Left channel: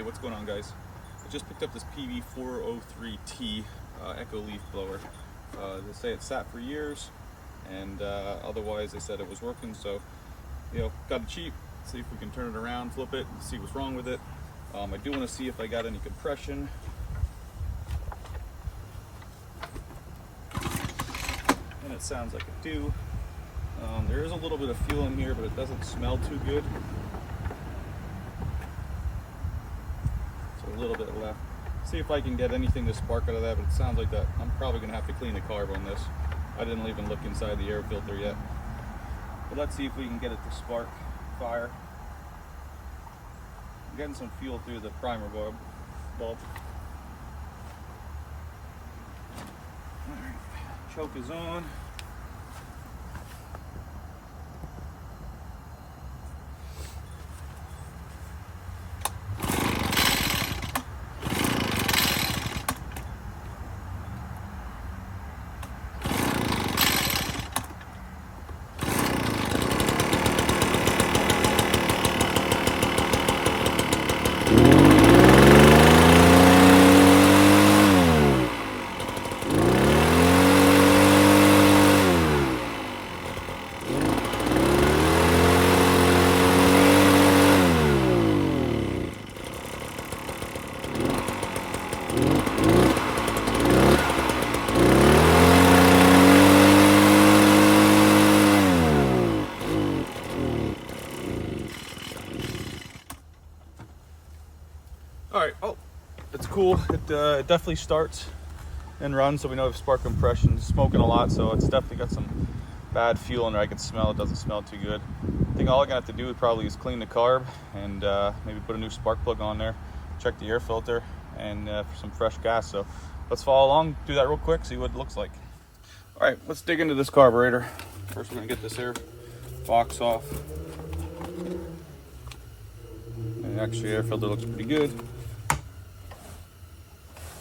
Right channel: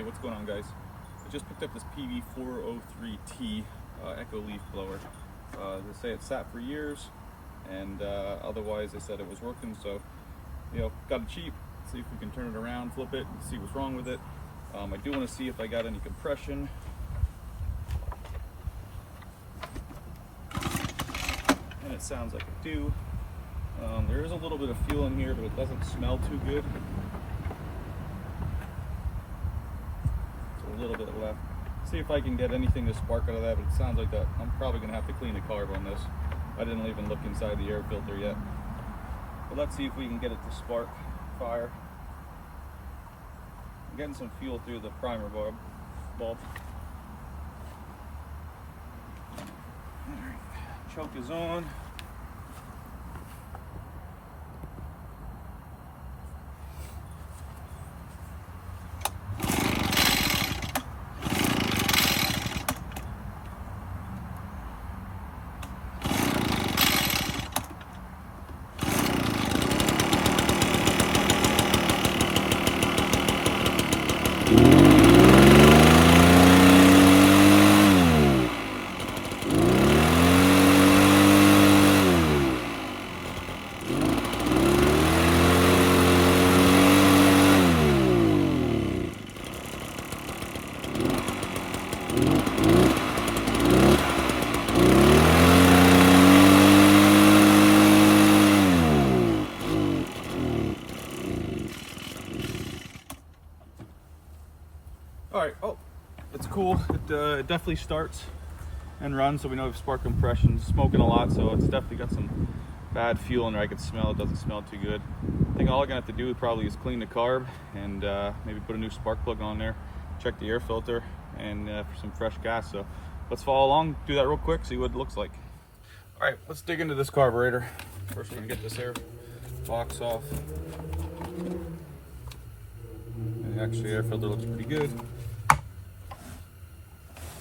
Hey, what's going on, guys? I just picked up this PB-403T Echo leaf blower. They say it sat for years, and otherwise they said it was working, so got it cheap. See if we can turn it around, flip it, and see what's wrong with it. I do want to see if I got any compression. And it sounds like I do. There is a little bit of fuel in here, but it doesn't smell too good. So a little bit left. See if I can get anything to spark out of that, but it sounds like that. I'm probably gonna have to clean the carb on this. I didn't even look inside the air filter yet. But let's see if we can get it to spark fire. I'm getting some fuel through the primer bulb. Alright, choke is on. Alright, oh, it's cool. It definitely starts and runs, so we know if spark compression is smoking a lot, so it's definitely got some bad fuel in there. I can smell it, doesn't smell too good. I think all I'm gonna have to do probably is clean the carb and maybe put a new spark plug on there, check the air filter, and for some fresh gas. So let's follow along, do that real quick, see what it looks like. Alright, let's dig into this carburetor. First we're gonna get this air box off. And actually, air filter looks pretty good.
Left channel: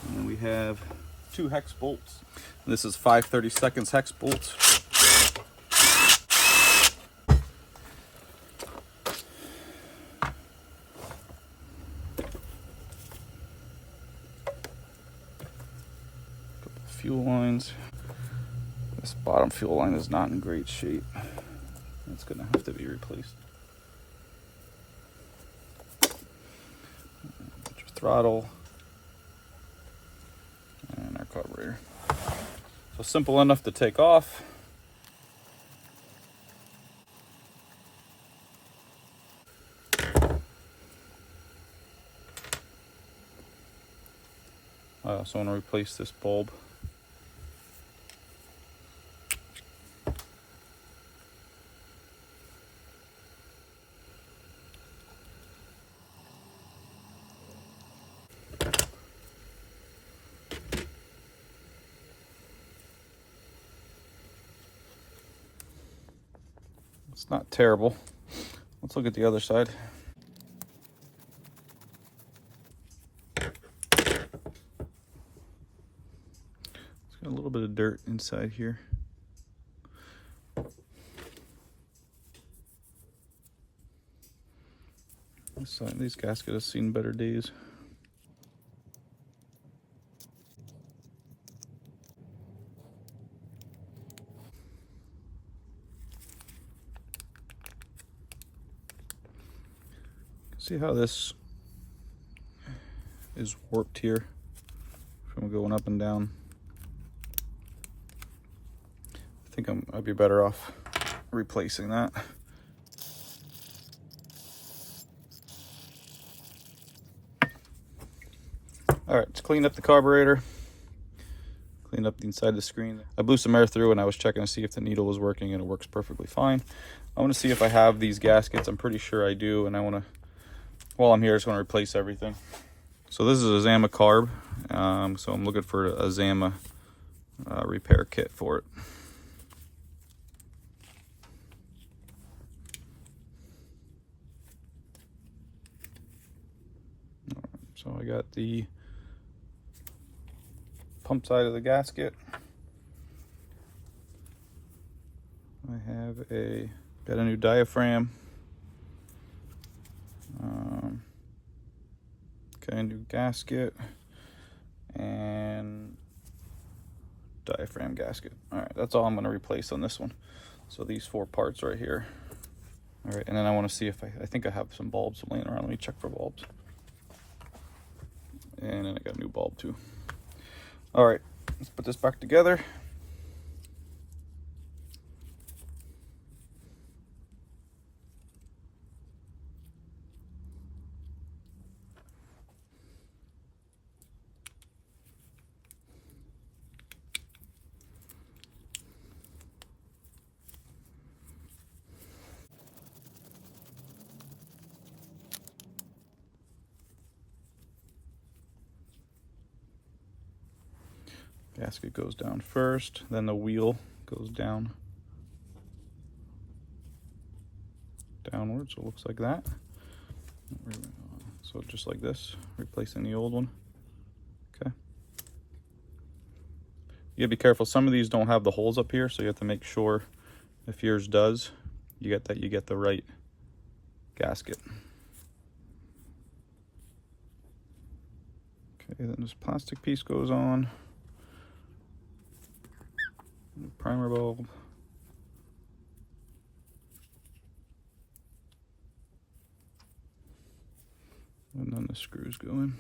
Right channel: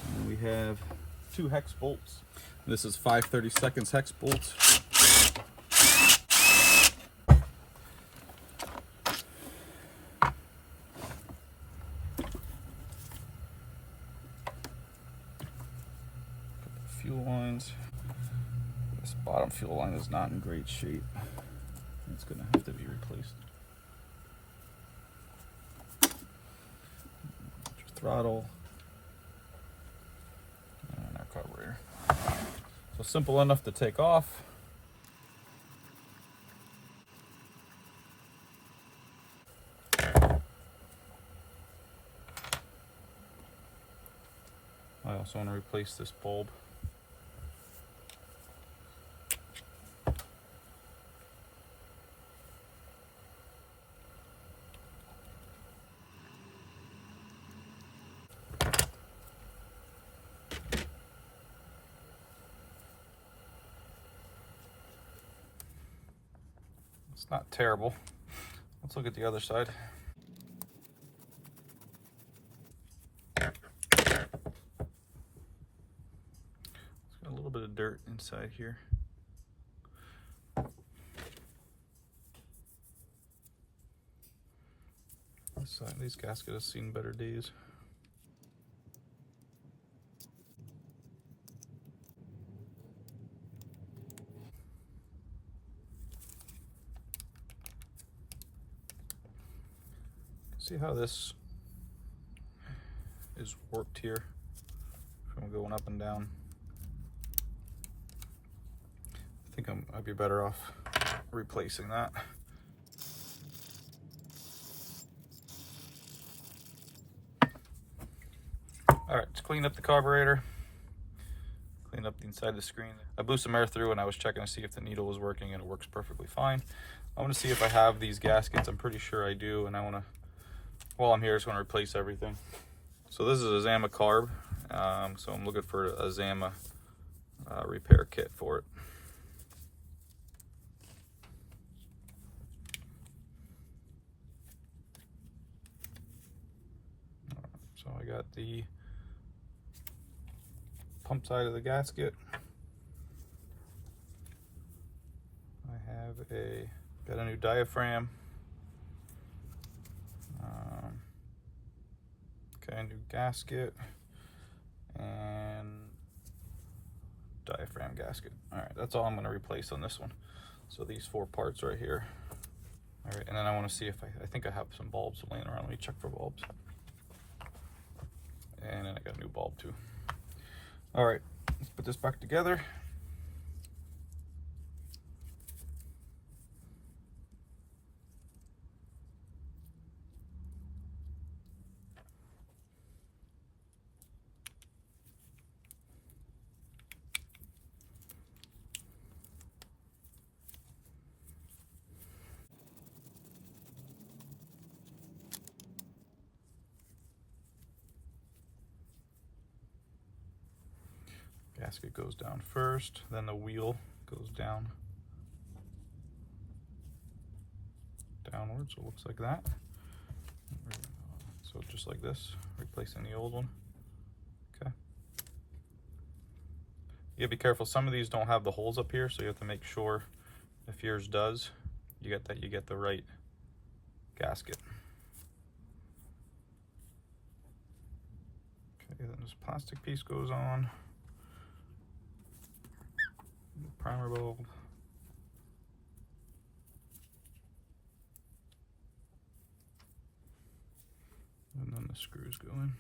And we have 2 hex bolts. This is 5/32 hex bolts. Couple fuel lines. This bottom fuel line is not in great shape. It's gonna have to be replaced. Throttle. Carburetor. So simple enough to take off. I also want to replace this bulb. It's not terrible. Let's look at the other side. It's got a little bit of dirt inside here. These gaskets have seen better days. See how this is warped here from going up and down. I think I'd be better off replacing that. Alright, let's clean up the carburetor. Clean up the inside of the screen. I blew some air through and I was checking to see if the needle was working, and it works perfectly fine. I want to see if I have these gaskets. I'm pretty sure I do, and I want to, while I'm here, I just want to replace everything. So this is a Zama carb, so I'm looking for a Zama repair kit for it. So I got the pump side of the gasket. I have got a new diaphragm. Okay, new gasket and diaphragm gasket. All right, that's all I'm going to replace on this one. So these 4 parts right here. All right, and then I want to see if I think I have some bulbs laying around. Let me check for bulbs. And then I got a new bulb too. All right, let's put this back together. Gasket goes down first, then the wheel goes down downward, so it looks like that. So just like this, replacing the old one. Okay. You gotta be careful. Some of these don't have the holes up here, so you have to make sure if yours does, you get the right gasket. Okay, then this plastic piece goes on. Primer bulb. And then the screws go in.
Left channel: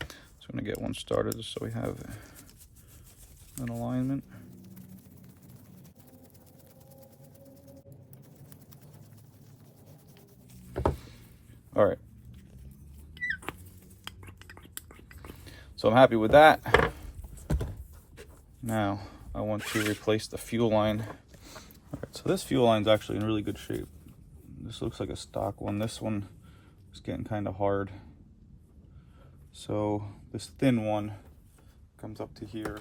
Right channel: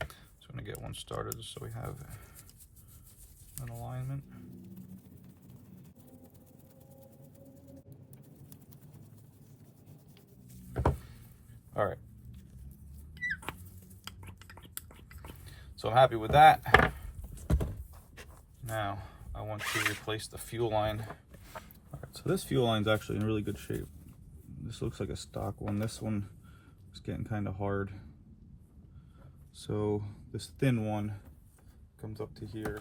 So I'm gonna get one started just so we have an alignment. All right. So I'm happy with that. Now I want to replace the fuel line. All right, so this fuel line is actually in really good shape. This looks like a stock one. This one is getting kind of hard. So this thin one comes up to here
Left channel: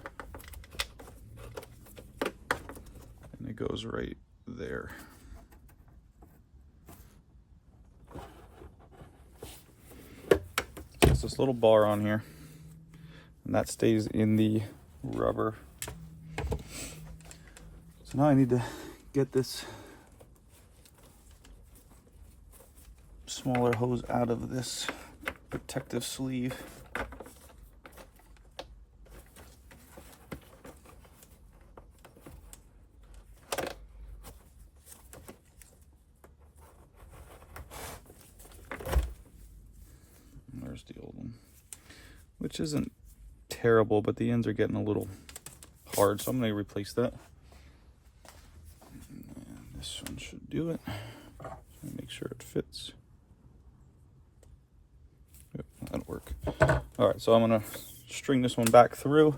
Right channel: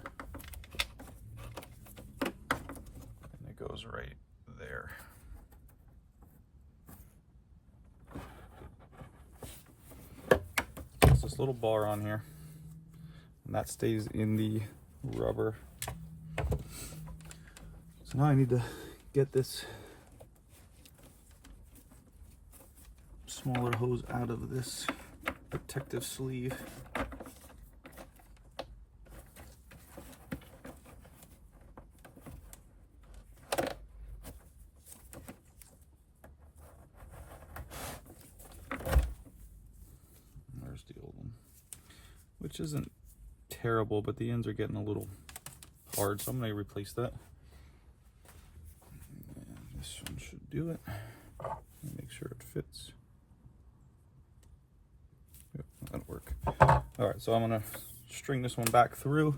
and it goes right there. There's this little bar on here and that stays in the rubber. So now I need to get this smaller hose out of this protective sleeve. There's the old one, which isn't terrible, but the ends are getting a little hard, so I'm going to replace that. And this one should do it. Make sure it fits. Yep, that'll work. All right, so I'm going to string this one back through.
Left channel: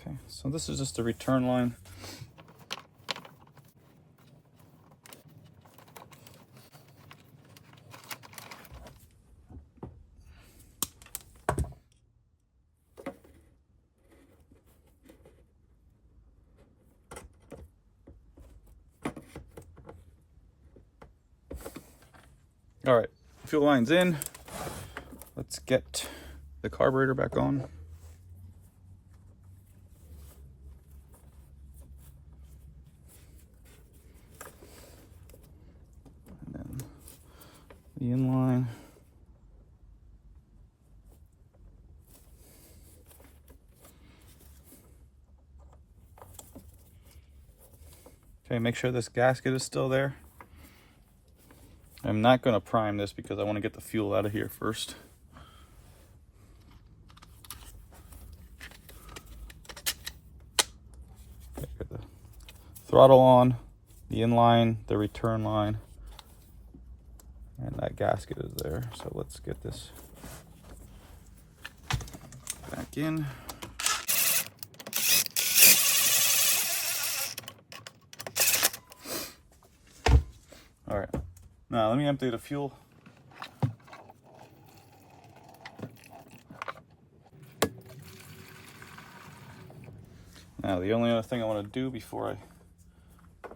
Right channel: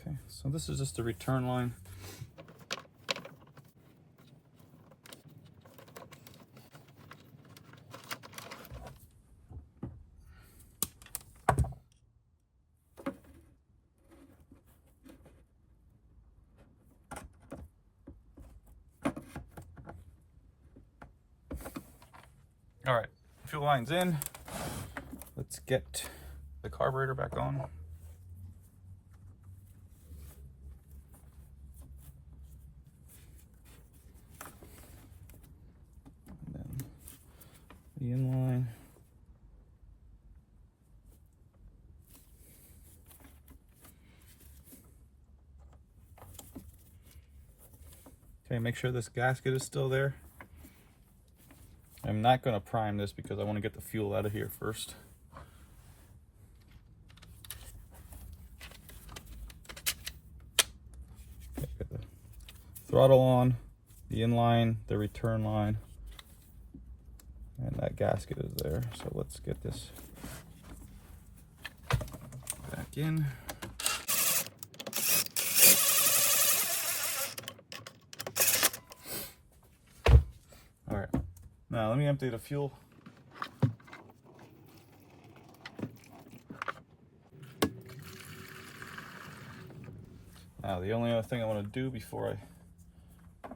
Okay, so this is just the return line. All right, fuel line's in. Let's get the carburetor back on. And then the inline. Okay, make sure this gasket is still there. I'm not going to prime this because I want to get the fuel out of here first. Okay, got the throttle on, the inline, the return line, and that gasket is there. So let's get this back in. All right. Now let me empty the fuel. Now the only other thing I want to do before I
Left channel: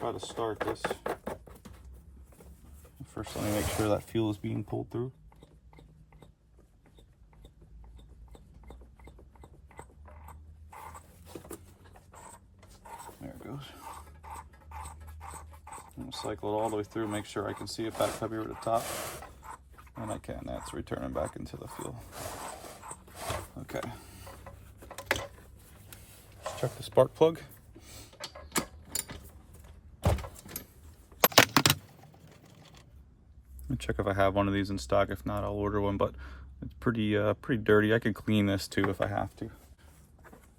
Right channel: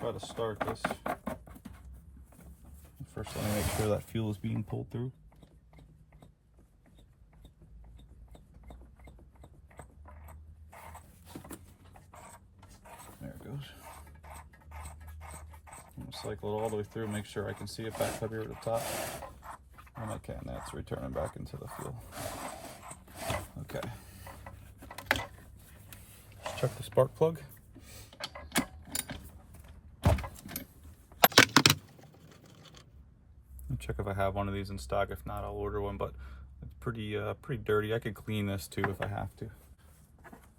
try to start this, first I want to make sure that fuel is being pulled through. There cycle it all the way through, make sure I can see it back up here at the top. And I can, that's returning back into the fuel. Okay. Let's check the spark plug. Check if I have one of these in stock. If not, I'll order one, but it's pretty dirty. I could clean this too if I have to.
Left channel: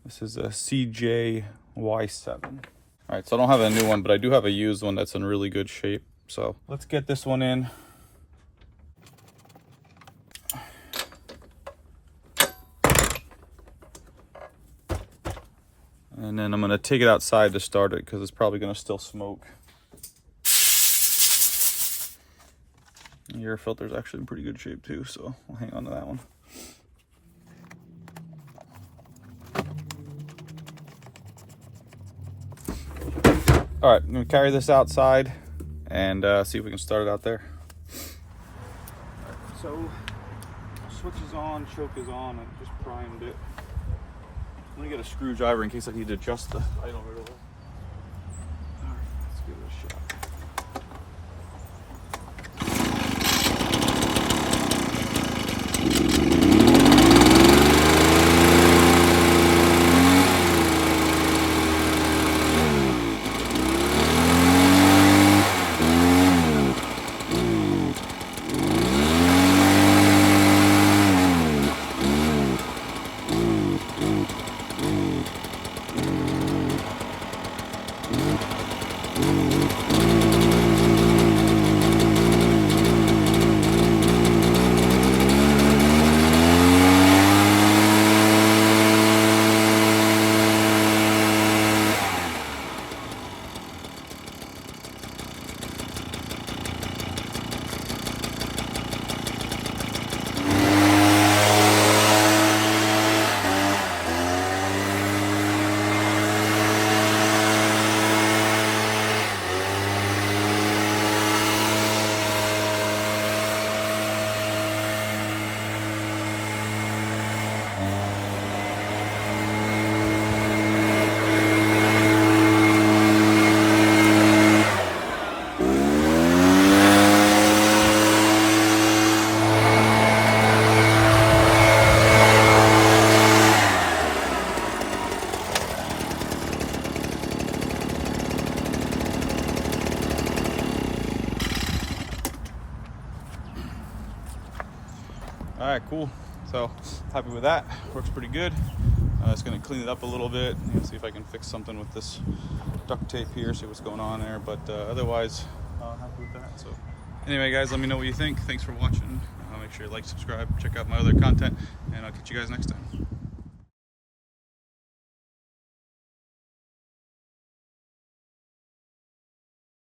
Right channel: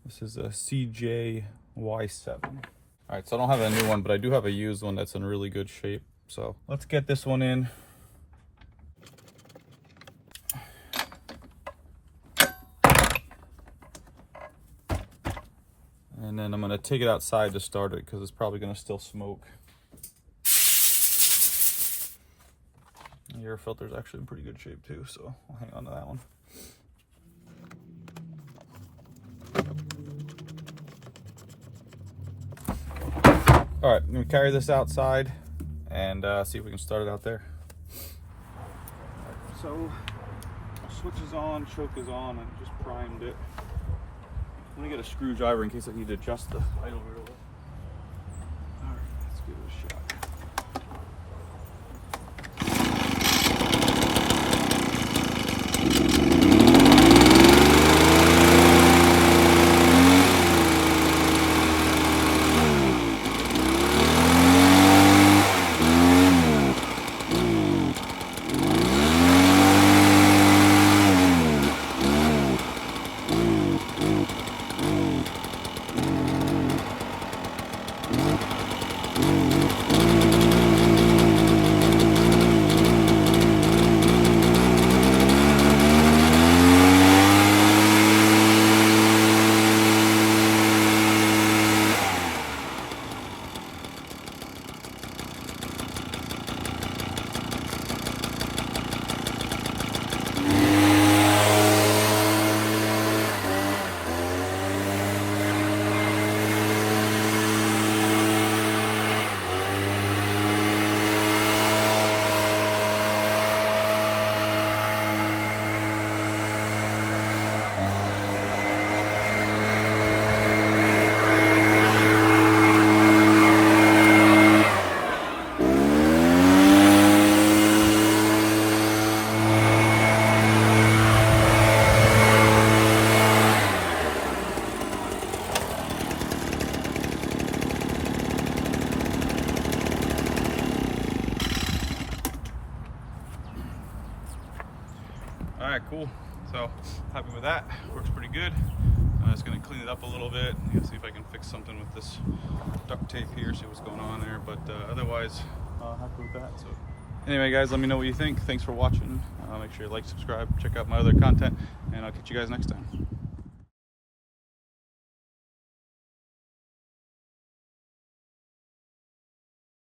This is a CJ Y7. All right, so I don't have a new one, but I do have a used one that's in really good shape. So let's get this one in. And then I'm gonna take it outside to start it because it's probably gonna still smoke. The air filter's actually in pretty good shape too, so I'll hang on to that one. All right, I'm gonna carry this outside and see if we can start it out there. All right, so switch is on, choke is on, I just primed it. I'm gonna get a screwdriver in case I need to adjust the idle a little. All right, let's give it a shot. All right, cool. So happy with that. Works pretty good. Just gonna clean it up a little bit. See if I can fix something with this duct tape here. See what's going on there. But otherwise, happy with that. So anyway, guys, let me know what you think. Thanks for watching. Make sure you like, subscribe, check out my other content, and I'll catch you guys next time.